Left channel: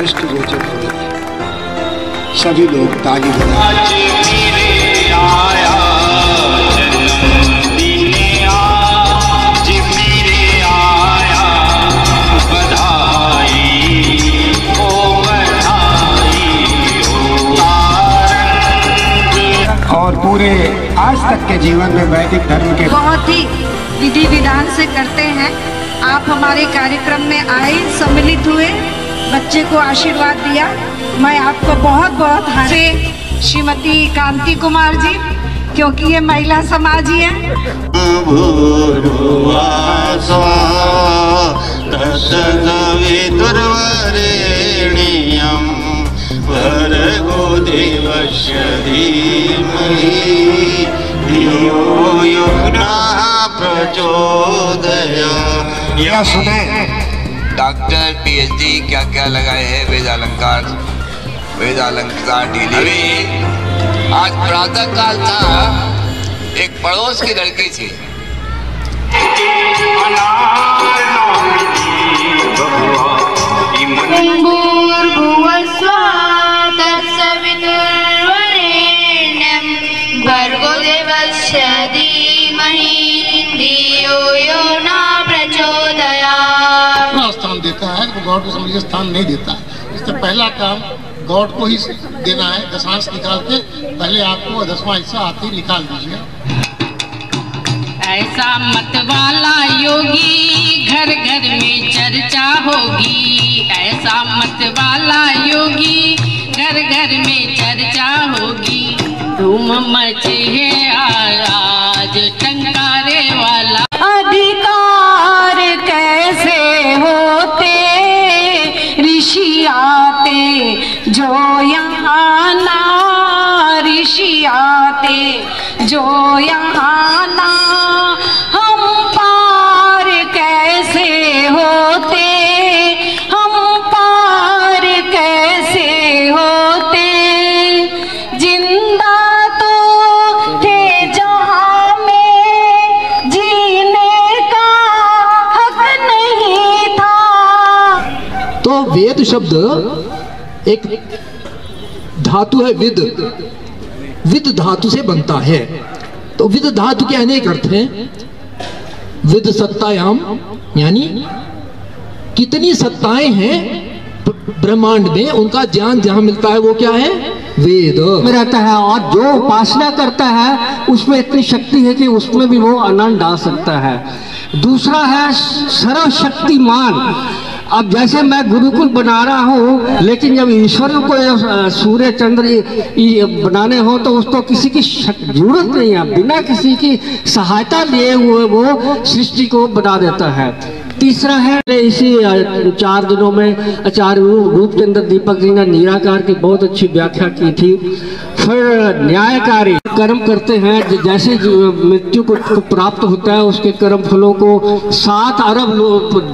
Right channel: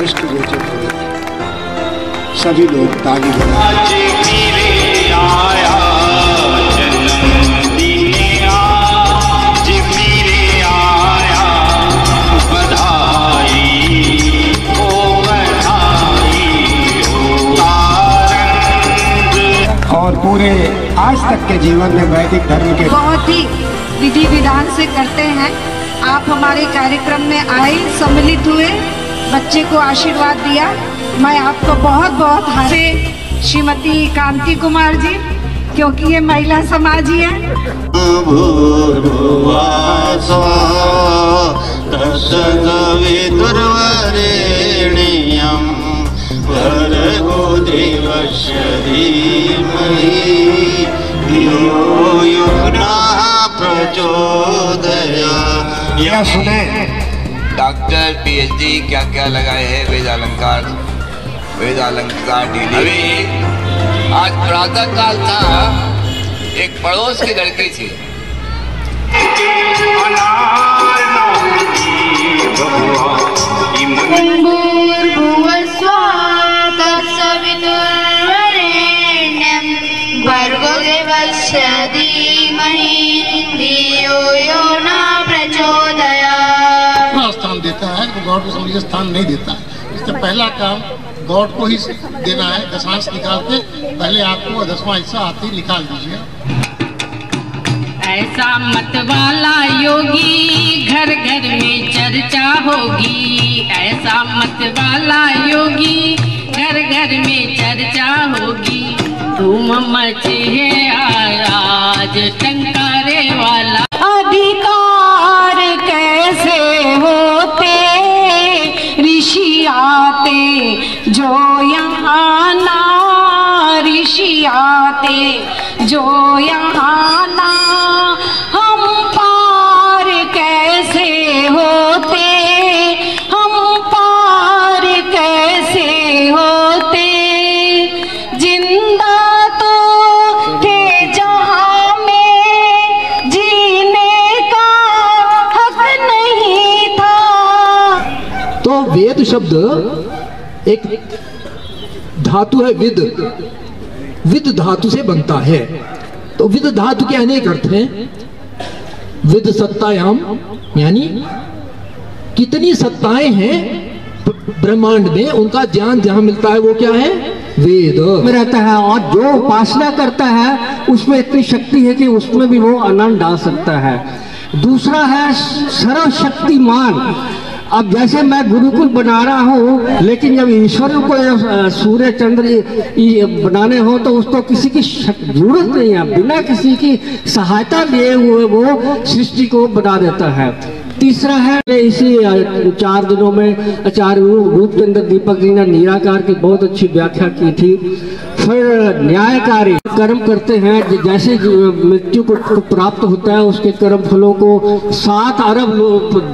दृष्टिगोचर हो रही है। सभी लोग ताली बजाएं। और पूरे आज तक के जीवन में वैदिक धर्म के बहुत ही विधि विधान से करते हैं। आप हमारे कार्यक्रम में आए, सम्मिलित हुए, बच्चे को आशीर्वाद दिया। मैं आपको बहुत बहुत श्रीमती कांति कुमार जी, क्योंकि ये महिला समाज ही है। या सुने डॉक्टर पीएचडी क्या क्या लगाए हैं वेद अलंकार ढीली। अभी आज प्रातः काल था, एक पड़ोस की लड़की थी, स्थान देता है तो गॉड को समझिए स्थान नहीं देता है। इससे पहला काम गॉड को ही देना है। दशांश निकाल के पहले आपको 10वां हिस्सा आते ही निकाल दीजिए। ऐसा मत वाला योगी घर घर में चर्चा होगी। ऐसा मत वाला योगी घर घर में चर्चा होगी। धूम मचे है आज टंकारे वाला। अधिकार कैसे होते ऋषि आते जो यहाँ ना, ऋषि आते जो यहाँ ना। हम पार कैसे होते, हम पार कैसे होते। जिंदा तो थे जहाँ में, जीने का हक नहीं था। तो वेद शब्द एक धातु है, विद धातु से बनता है। तो विद धातु के अनेक अर्थ हैं। विद सत्तायाम, यानी कितनी सत्ताएं हैं ब्रह्मांड में, उनका ज्ञान जहां मिलता है वो क्या है, वेद में रहता है। और जो उपासना करता है उसमें इतनी शक्ति है कि उसमें भी वो आनंद डाल सकता है। दूसरा है सर्वशक्तिमान। अब जैसे मैं गुरुकुल बना रहा हूँ, लेकिन जब ईश्वर को सूर्य चंद्र बनाने हो तो उसको किसी की जरूरत नहीं है। बिना किसी की सहायता लिए हुए वो सृष्टि को बना देता है। तीसरा है, इसी 4 दिनों में आचार्य रूपचंद्र दीपक जी ने निराकार की बहुत अच्छी व्याख्या की थी। फिर न्यायकारी कर्म करते हैं, जैसे मृत्यु को प्राप्त होता है उसके कर्म फलों को 7 अरब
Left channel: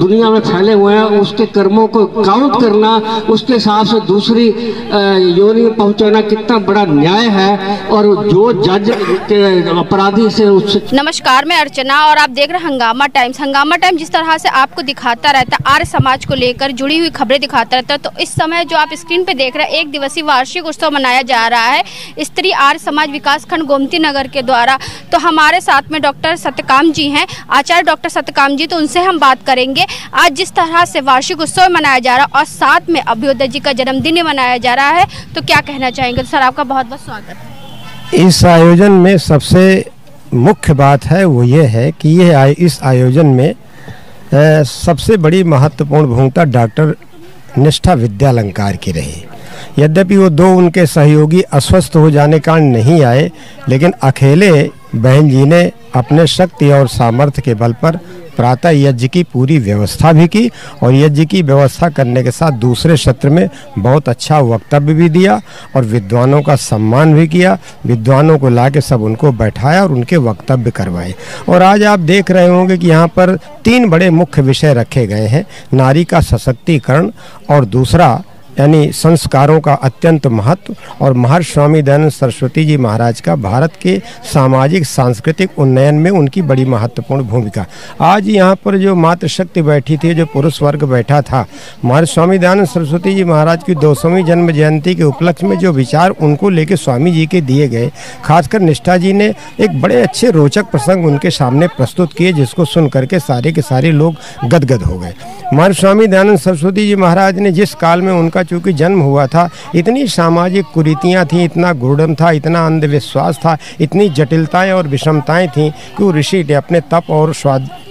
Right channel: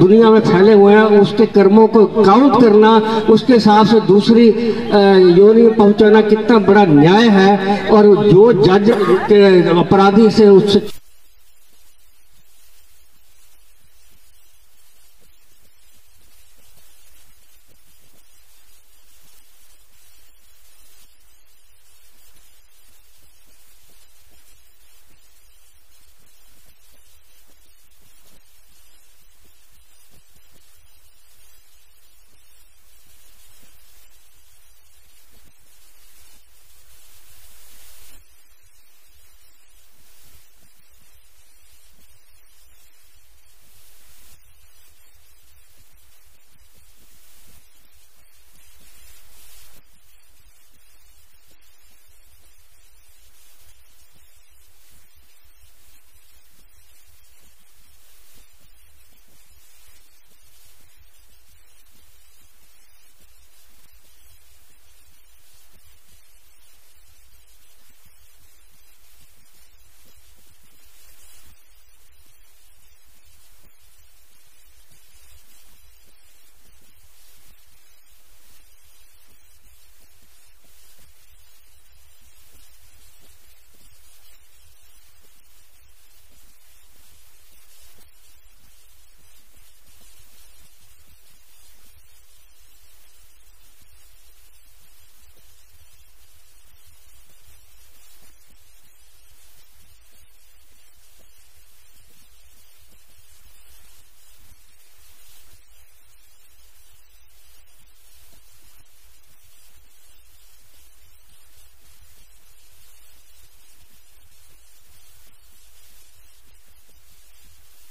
दुनिया में फैले हुए हैं, उसके कर्मों को काउंट करना, उसके हिसाब से दूसरी योनि में पहुंचाना कितना बड़ा न्याय है। और जो जज अपराधी से उससे। नमस्कार, मैं अर्चना और आप देख रहे हैं हंगामा टाइम्स। हंगामा टाइम्स जिस तरह से आपको दिखाता रहता है, आर्य समाज को लेकर जुड़ी हुई खबरें दिखाता रहता है, तो इस समय जो आप स्क्रीन पे देख रहे हैं, 1 दिवसीय वार्षिक उत्सव मनाया जा रहा है स्त्री आर्य समाज विकास खंड गोमती नगर के द्वारा। तो हमारे साथ में डॉक्टर सत्यकाम जी हैं, आचार्य डॉक्टर सत्यकाम जी। तो उनसे हम बात करेंगे आज जिस तरह से वार्षिक उत्सव मनाया जा रहा है और साथ में अभ्युदय जी का जन्मदिन मनाया जा रहा है, तो क्या कहना चाहेंगे। तो सर आपका बहुत बहुत स्वागत है। इस आयोजन में सबसे मुख्य बात है वो ये है कि इस आयोजन में सबसे बड़ी महत्वपूर्ण भूमिका डॉक्टर निष्ठा विद्यालंकार की रही। यद्यपि वो 2 उनके सहयोगी अस्वस्थ हो जाने के कारण नहीं आए, लेकिन अकेले बहन जी ने अपने शक्ति और सामर्थ्य के बल पर प्रातः यज्ञ की पूरी व्यवस्था भी की और यज्ञ की व्यवस्था करने के साथ दूसरे सत्र में बहुत अच्छा वक्तव्य भी दिया और विद्वानों का सम्मान भी किया। विद्वानों को लाके सब उनको बैठाया और उनके वक्तव्य करवाए। और आज आप देख रहे होंगे कि यहाँ पर 3 बड़े मुख्य विषय रखे गए हैं। नारी का सशक्तिकरण और दूसरा यानी संस्कारों का अत्यंत महत्व और महर्षि स्वामी दयानंद सरस्वती जी महाराज का भारत के सामाजिक सांस्कृतिक उन्नयन में उनकी बड़ी महत्वपूर्ण भूमिका। आज यहाँ पर जो मातृशक्ति बैठी थी, जो पुरुष वर्ग बैठा था, महर्षि स्वामी दयानंद सरस्वती जी महाराज की 200वीं जन्म जयंती के उपलक्ष्य में जो विचार उनको लेके स्वामी जी के दिए गए, खासकर निष्ठा जी ने एक बड़े अच्छे रोचक प्रसंग उनके सामने प्रस्तुत किए, जिसको सुन करके सारे के सारे लोग गदगद हो गए। महर्षि स्वामी दयानंद सरस्वती जी महाराज ने जिस काल में उनका चूँकि जन्म हुआ था, इतनी सामाजिक कुरीतियाँ थीं, इतना गुड़म था, इतना अंधविश्वास था, इतनी जटिलताएं और विषमताएं थीं कि वो ऋषि ने अपने तप और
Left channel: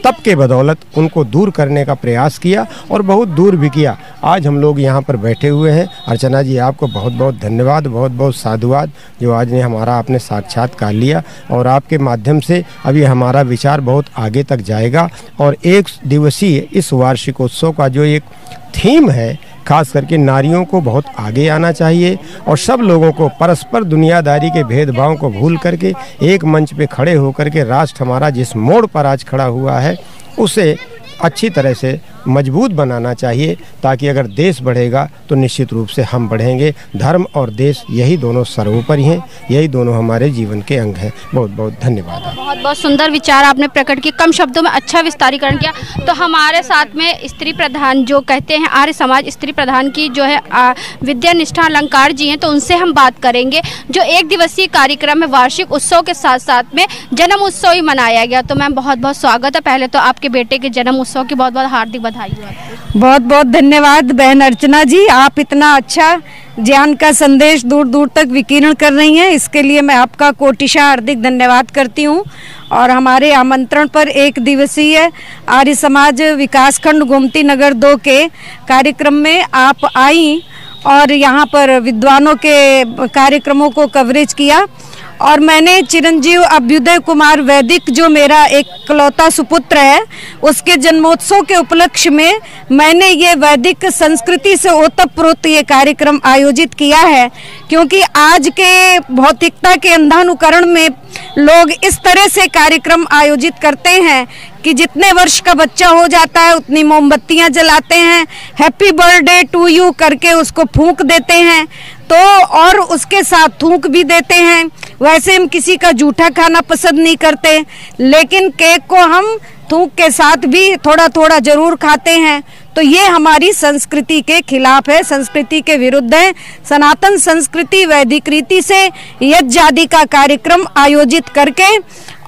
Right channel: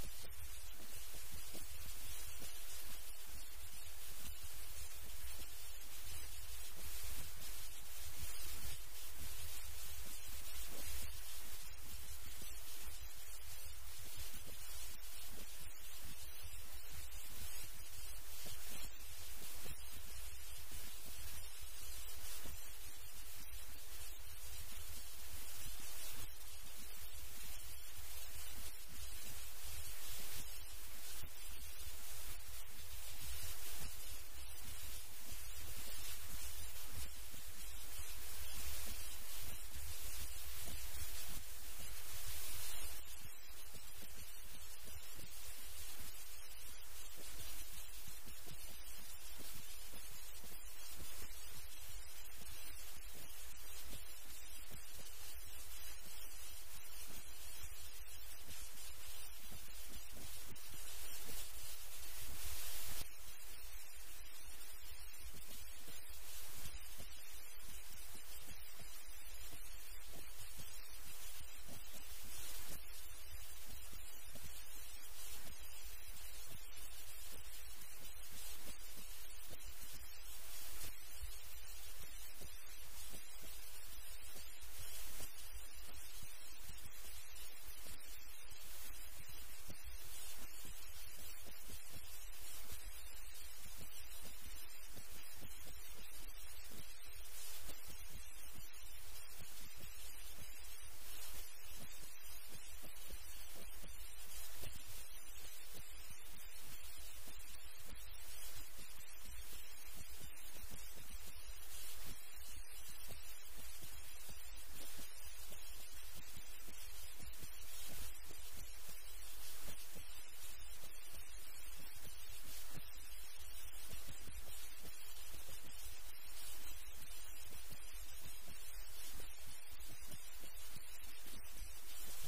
तप के बदौलत उनको दूर करने का प्रयास किया और बहुत दूर भी किया। आज हम लोग यहाँ पर बैठे हुए हैं। अर्चना जी, आपको बहुत बहुत धन्यवाद, बहुत बहुत साधुवाद जो आज ने हमारा आपने साक्षात्कार लिया, और आपके माध्यम से अभी हमारा विचार बहुत आगे तक जाएगा। और एक दिवसीय इस वार्षिकोत्सव का जो एक थीम है, खास करके नारियों को बहुत आगे आना चाहिए और सब लोगों को परस्पर दुनियादारी के भेदभाव को भूल करके एक मंच पे खड़े होकर के राष्ट्र हमारा जिस मोड़ पर आज खड़ा हुआ है उसे अच्छी तरह से मजबूत बनाना चाहिए, ताकि अगर देश बढ़ेगा तो निश्चित रूप से हम बढ़ेंगे। धर्म और देश यही दोनों सर्वोपरि हैं, यही दोनों हमारे जीवन के अंग हैं। बहुत बहुत धन्यवाद। बहुत बहुत सुंदर विचार आपने प्रकट किए, कम शब्दों में अच्छा विस्तारीकरण किया। तो हमारे साथ में स्त्री प्रधान जो कहते हैं आर्य समाज स्त्री प्रधान की जो है विद्या निष्ठा अलंकार जी हैं, तो उनसे हम बात करेंगे। जो एक दिवसीय कार्यक्रम है, वार्षिक उत्सव के साथ साथ में जन्म उत्सव ही मनाया गया। तो मैम बहुत बहुत स्वागत है। पहले तो आपके बेटे के जन्म उत्सव की बहुत बहुत हार्दिक बधाई। बहुत बहुत धन्यवाद बहन अर्चना जी, आप इतना अच्छा ज्ञान का संदेश दूर दूर तक विकीर्ण कर रही हैं, इसके लिए मैं आपका कोटिशा हार्दिक धन्यवाद करती हूँ। और हमारे आमंत्रण पर एक दिवसीय आर्य समाज विकासखंड गोमती नगर 2 के कार्यक्रम में आप आई और यहाँ पर विद्वानों के कार्यक्रमों को कवरेज किया। और मैंने चिरंजीव अभ्युदय कुमार वैदिक जो मेरा एक इकलौता सुपुत्र है, उसके जन्मोत्सव के उपलक्ष्य में मैंने ये वैदिक संस्कृति से ओतप्रोत ये कार्यक्रम आयोजित किया है, क्योंकि आज के भौतिकता के अंधानुकरण में लोग इस तरह से कार्यक्रम आयोजित करते हैं कि जितने वर्ष का बच्चा हो जाता है उतनी मोमबत्तियां जलाते हैं, हैप्पी बर्थडे टू यू करके उसको फूंक देते हैं, तो और उसके साथ थूक भी देते हैं। वैसे हम किसी का जूठा खाना पसंद नहीं करते, लेकिन केक को हम थूक के साथ भी थोड़ा थोड़ा जरूर खाते हैं। तो ये हमारी संस्कृति के खिलाफ है, संस्कृति के विरुद्ध है। सनातन संस्कृति वैदिक रीति से यज्ञ आदि का कार्यक्रम आयोजित करके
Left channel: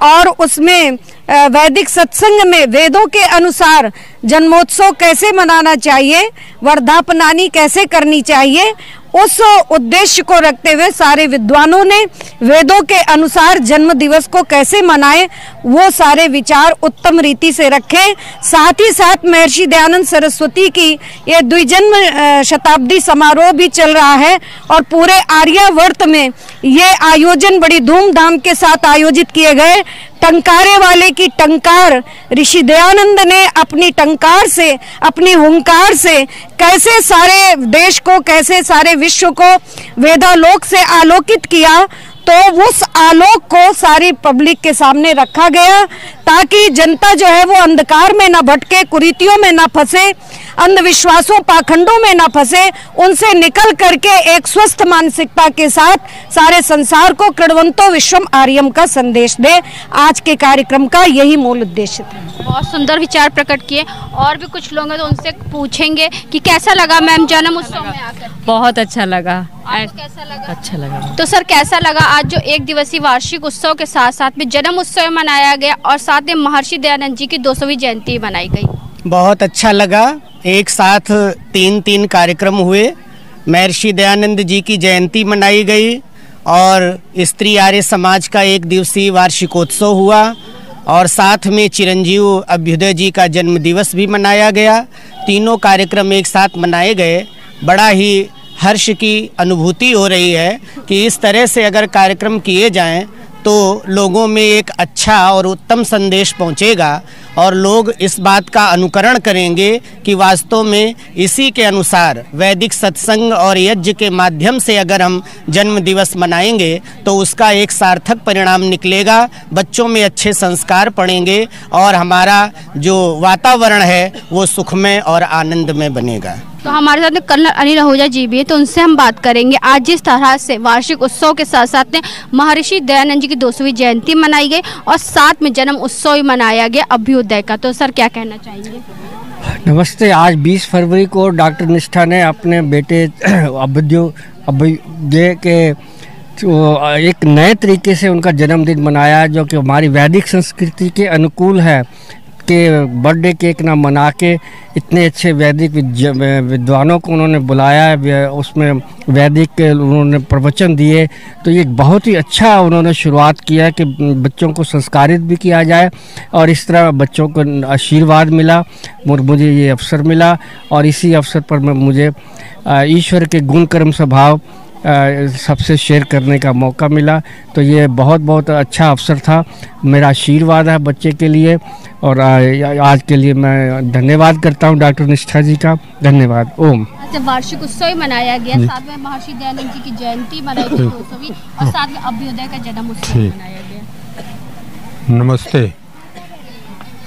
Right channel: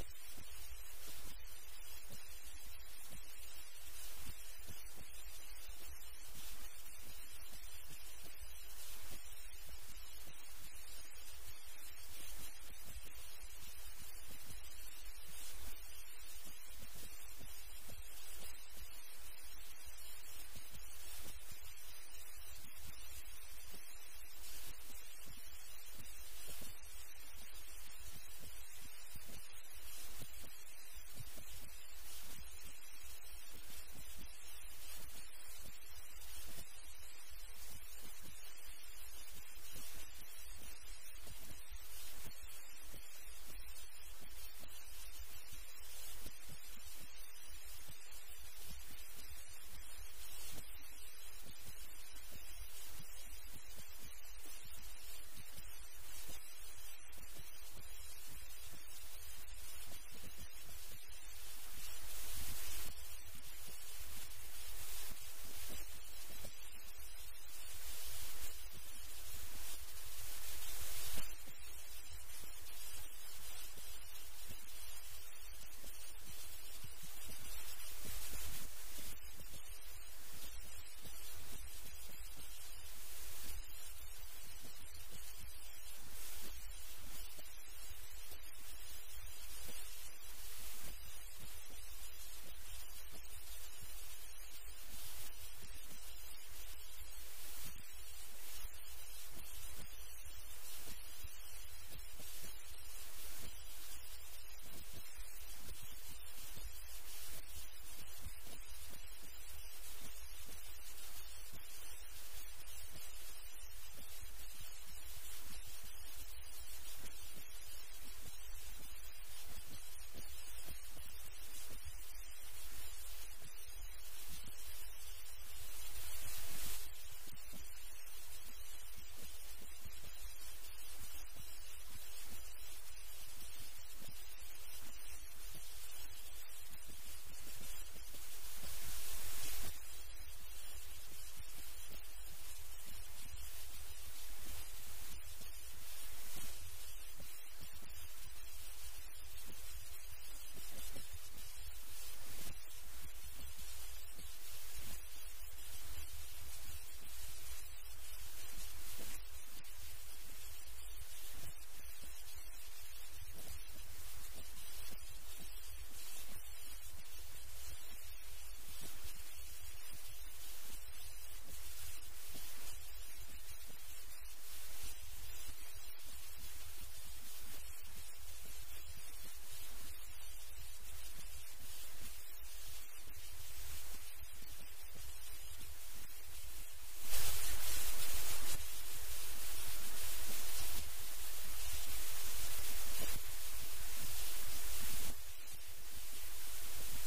और उसमें वैदिक सत्संग में वेदों के अनुसार जन्मोत्सव कैसे मनाना चाहिए, वर्धापनानी कैसे करनी चाहिए, उस उद्देश्य को रखते हुए सारे विद्वानों ने वेदों के अनुसार जन्म दिवस को कैसे मनाएं, वो सारे विचार उत्तम रीति से रखे। साथ ही साथ महर्षि दयानंद सरस्वती की ये द्विजन्म शताब्दी समारोह भी चल रहा है और पूरे आर्यावर्त में ये आयोजन बड़ी धूमधाम के साथ आयोजित किए गए। टंकारे वाले की टंकार, ऋषि दयानंद ने अपनी टंकार से, अपनी हुंकार से कैसे सारे देश को, कैसे सारे विश्व को वेदालोक से आलोकित किया, तो उस आलोक को सारी पब्लिक के सामने रखा गया ताकि जनता जो है वो अंधकार में ना भटके, कुरीतियों में ना फंसे, अंधविश्वासों पाखंडों में ना फंसे, उनसे निकल करके एक स्वस्थ मानसिकता के साथ सारे संसार को कृण्वन्तो विश्वम आर्यम का संदेश दे। आज के कार्यक्रम का यही मूल उद्देश्य था। बहुत सुंदर विचार प्रकट किए। और भी कुछ लोग हैं तो उनसे पूछेंगे कि कैसा लगा मैम जन्म उत्सव में आकर? बहुत अच्छा लगा। कैसा लगा? अच्छा लगा। तो सर कैसा लगा आज जो एक दिवसीय वार्षिक उत्सव के साथ साथ में जन्म उत्सव मनाया गया और साथ में महर्षि दयानंद जी की 200वीं जयंती मनाई गई? बहुत अच्छा लगा। एक साथ 3 कार्यक्रम हुए। महर्षि दयानंद जी की जयंती मनाई गई और स्त्री आर्य समाज का एक दिवसीय वार्षिकोत्सव हुआ और साथ में चिरंजीव अभ्युदय जी का जन्म दिवस भी मनाया गया। तीनों कार्यक्रम एक साथ मनाए गए। बड़ा ही हर्ष की अनुभूति हो रही है कि इस तरह से अगर कार्यक्रम किए जाएं तो लोगों में एक अच्छा और उत्तम संदेश पहुंचेगा और लोग इस बात का अनुकरण करेंगे कि वास्तव में इसी के अनुसार वैदिक सत्संग और यज्ञ के माध्यम से अगर हम जन्म दिवस मनाएंगे तो उसका एक सार्थक परिणाम निकलेगा, बच्चों में अच्छे संस्कार पड़ेंगे और हमारा जो वातावरण है वो सुखमय और आनंदमय बनेगा। तो हमारे साथ में कर्नल अनिल आहूजा जी भी है, तो उनसे हम बात करेंगे। आज जिस तरह से वार्षिक उत्सव के साथ साथ में महर्षि दयानंद जी की 200वीं जयंती मनाई गई और साथ में जन्म उत्सव भी मनाया गया अभ्युदय का, तो सर क्या कहना चाहेंगे? नमस्ते। आज 20 फरवरी को डॉक्टर निष्ठा ने अपने बेटे अभ्युदय के एक नए तरीके से उनका जन्मदिन मनाया, जो कि हमारी वैदिक संस्कृति के अनुकूल है कि बर्थडे केक ना मना के इतने अच्छे वैदिक विद्वानों को उन्होंने बुलाया, उसमें वैदिक उन्होंने प्रवचन दिए। तो ये बहुत ही अच्छा उन्होंने शुरुआत किया कि बच्चों को संस्कारित भी किया जाए और इस तरह बच्चों को आशीर्वाद मिला, मुझे ये अवसर मिला और इसी अवसर पर मुझे ईश्वर के गुण कर्म स्वभाव सबसे शेयर करने का मौका मिला। तो ये बहुत बहुत अच्छा अवसर था। मेरा आशीर्वाद है बच्चे के लिए और आज के लिए मैं धन्यवाद करता हूँ डॉक्टर निष्ठा जी का। धन्यवाद। ओम। वार्षिक उत्सव मनाया गया, साथ में महर्षि दयानंद जी की जयंती मनाई गई 200वीं और साथ में अभ्युदय का जन्म उत्सव मनाया गया। नमस्ते।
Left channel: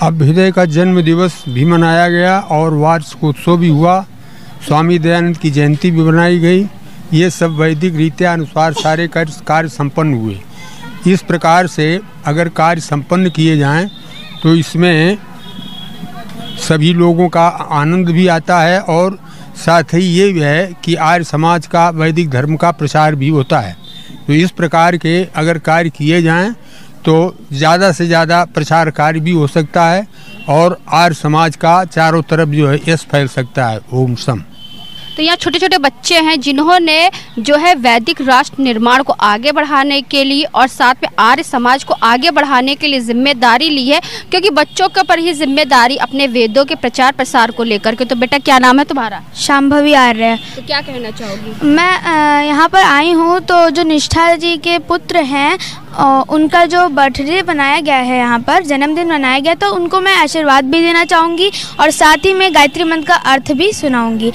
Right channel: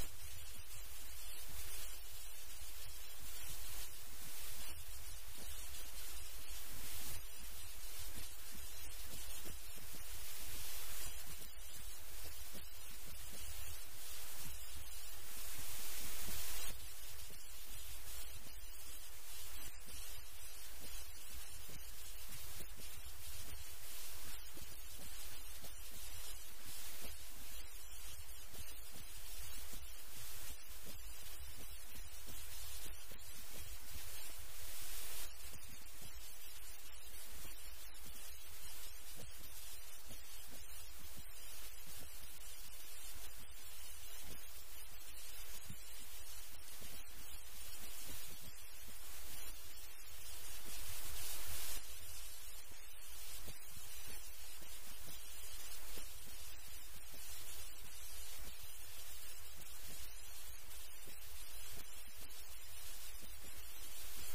अभ्युदय का जन्म दिवस भी मनाया गया और वार्षिक उत्सव भी हुआ। स्वामी दयानंद की जयंती भी मनाई गई। ये सब वैदिक रीत्या अनुसार सारे कार्य संपन्न हुए। इस प्रकार से अगर कार्य संपन्न किए जाएं तो इसमें सभी लोगों का आनंद भी आता है और साथ ही ये भी है कि आर्य समाज का वैदिक धर्म का प्रचार भी होता है। तो इस प्रकार के अगर कार्य किए जाएं तो ज़्यादा से ज़्यादा प्रचार कार्य भी हो सकता है और आर्य समाज का चारों तरफ जो है यश फैल सकता है। ओम सम। तो यहाँ छोटे छोटे बच्चे हैं जिन्होंने जो है वैदिक राष्ट्र निर्माण को आगे बढ़ाने के लिए और साथ में आर्य समाज को आगे बढ़ाने के लिए जिम्मेदारी ली है, क्योंकि बच्चों के ऊपर ही जिम्मेदारी अपने वेदों के प्रचार प्रसार को लेकर के। तो बेटा क्या नाम है तुम्हारा? शांभवी आर्य। तो क्या कहना चाहोगी? मैं यहाँ पर आई हूँ तो जो निष्ठा जी के पुत्र हैं उनका जो बर्थडे बनाया गया है, यहाँ पर जन्मदिन मनाया गया, तो उनको मैं आशीर्वाद भी देना चाहूँगी और साथ ही मैं गायत्री मंत्र का अर्थ भी सुनाऊंगी।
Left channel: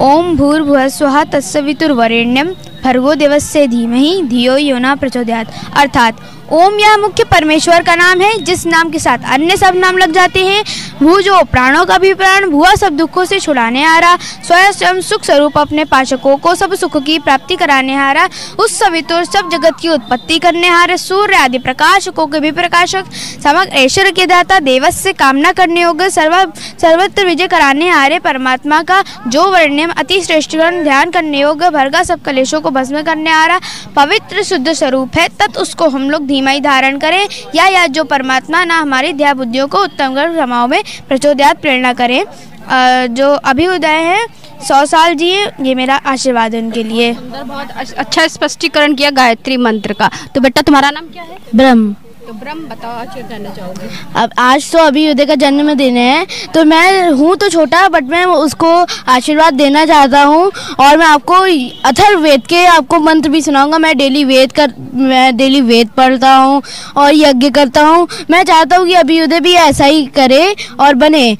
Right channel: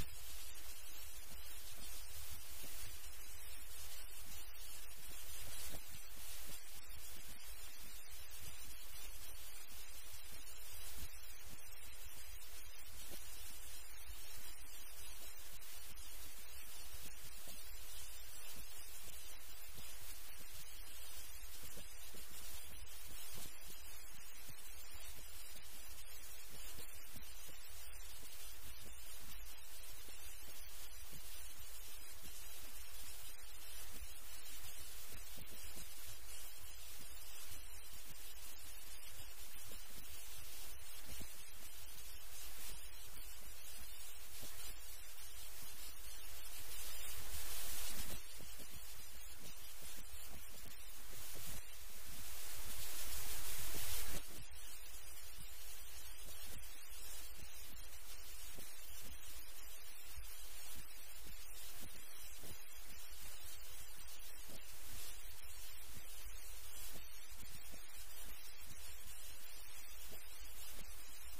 ओम भूर्भुवः स्वः तत्सवितुर्वरेण्यं भर्गो देवस्य धीमहि धियो यो न प्रचोदयात्। अर्थात ओम यह मुख्य परमेश्वर का नाम है, जिस नाम के साथ अन्य सब नाम लग जाते हैं। भू जो प्राणों का भी प्राण, भुआ सब दुखों से छुड़ाने आ रहा, स्वयं सुख स्वरूप अपने पाचकों को सब सुख की प्राप्ति कराने आ रहा, उस सवितुर सब जगत की उत्पत्ति करने आ रहा, सूर्य आदि प्रकाशकों के भी प्रकाशक, समग्र ऐश्वर्य के दाता, देवस्य कामना करने योग्य, सर्वत्र विजय कराने आ रहे परमात्मा का जो वर्ण्यम अति श्रेष्ठ ध्यान करने योग्य, भरगा सब कलेशों को भस्म करने आ रहा पवित्र शुद्ध स्वरूप है, तत् उसको हम लोग धीमाई धारण करें या जो परमात्मा ना हमारी ध्यान बुद्धियों को उत्तम समाओं में प्रचोदयात प्रेरणा करें। जो अभ्युदय है 100 साल जिए, ये मेरा आशीर्वाद है उनके लिए। बहुत अच्छा स्पष्टीकरण किया गायत्री मंत्र का। तो बेटा तुम्हारा नाम क्या है? ब्रह्म। तो ब्रह्म बताओ आज क्या कहना चाहोगे? अब आज तो अभ्युदय का जन्मदिन है, तो मैं हूँ तो छोटा बट मैं उसको आशीर्वाद देना चाहता हूँ और मैं आपको अथर्ववेद के आपको मंत्र भी सुनाऊंगा। मैं डेली वेद पढ़ता हूँ और यज्ञ करता हूँ। मैं चाहता हूँ कि अभ्युदय भी ऐसा ही करे और बने।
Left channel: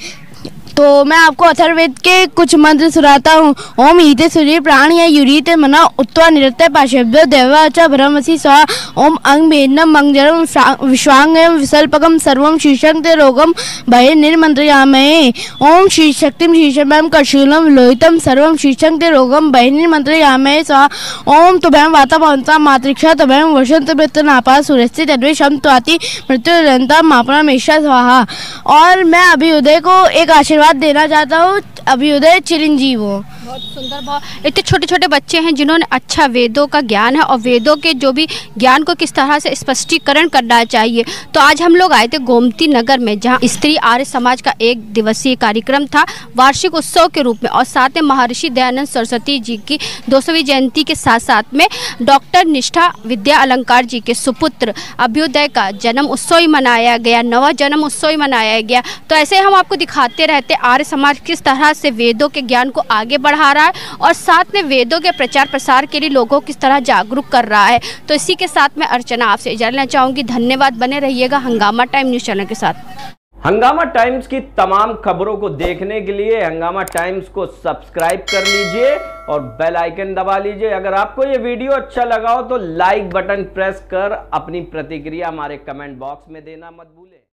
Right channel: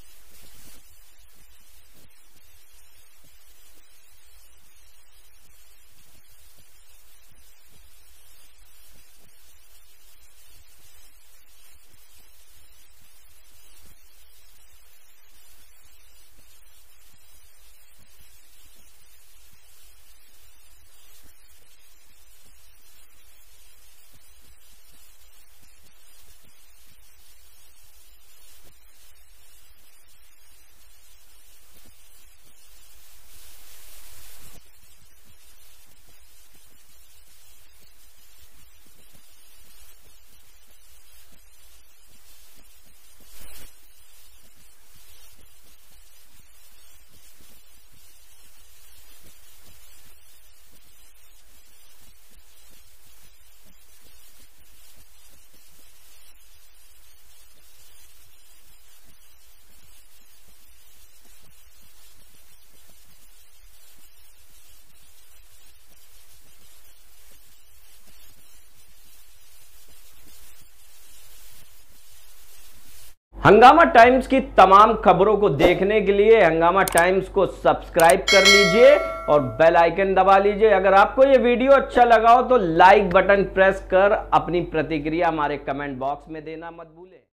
तो मैं आपको अथर्ववेद के कुछ मंत्र सुनाता हूँ। ओम ईते सूर्य प्राण या युरीते मना उत्वा निरते पाशभ्य देवाचा ब्रह्मसि स्वा। ओम अंग भेन्नम मंगजरम विश्वांगम विसल्पकम सर्वम शीर्षं ते रोगम भय निर्मंत्रयामहे। ओम श्री शक्तिम शीर्षमं कशूलम लोहितम सर्वम शीर्षं ते रोगम भय निर्मंत्रयामहे स्वा। ओम तुभ्यं वाता भवन्ता मातृक्षा तुभ्यं वसंत वृत्तनापा सूर्यस्ते तद्विषम त्वाति मृत्युरन्ता मापना मेषा स्वाहा। और मैं अभ्युदय को एक आशीर्वाद देना चाहता हूँ, अभ्युदय चिरंजीव हो। बहुत सुंदर। बहुत इतने छोटे छोटे बच्चे हैं जिन्होंने अच्छा वेदों का ज्ञान है और वेदों के जो भी ज्ञान को किस तरह से स्पष्टीकरण करना चाहिए। तो आज हम लोग आए थे गोमती नगर में, जहाँ स्त्री आर्य समाज का 1 दिवसीय कार्यक्रम था वार्षिक उत्सव के रूप में और साथ में महर्षि दयानंद सरस्वती जी की 200वीं जयंती के साथ साथ में डॉक्टर निष्ठा विद्या अलंकार जी के सुपुत्र अभ्युदय का जन्म उत्सव ही मनाया गया, नवा जन्म उत्सव ही मनाया गया। तो ऐसे हम आपको दिखाते रहते आर्य समाज किस तरह से वेदों के ज्ञान को आगे बढ़ा रहा है और साथ में वेदों के प्रचार प्रसार के लिए लोगों को किस तरह जागरूक कर रहा है। तो इसी के साथ मैं अर्चना आपसे जानना चाहूँगी। धन्यवाद। बने रहिएगा हंगामा टाइम न्यूज़ चैनल के साथ। हंगामा टाइम्स की तमाम खबरों को देखने के लिए हंगामा टाइम्स को सब्सक्राइब कर लीजिए और बेल आइकन दबा लीजिए। अगर आपको ये वीडियो अच्छा लगा हो तो लाइक बटन प्रेस कर अपनी प्रतिक्रिया हमारे कमेंट बॉक्स में देना मत भूलें।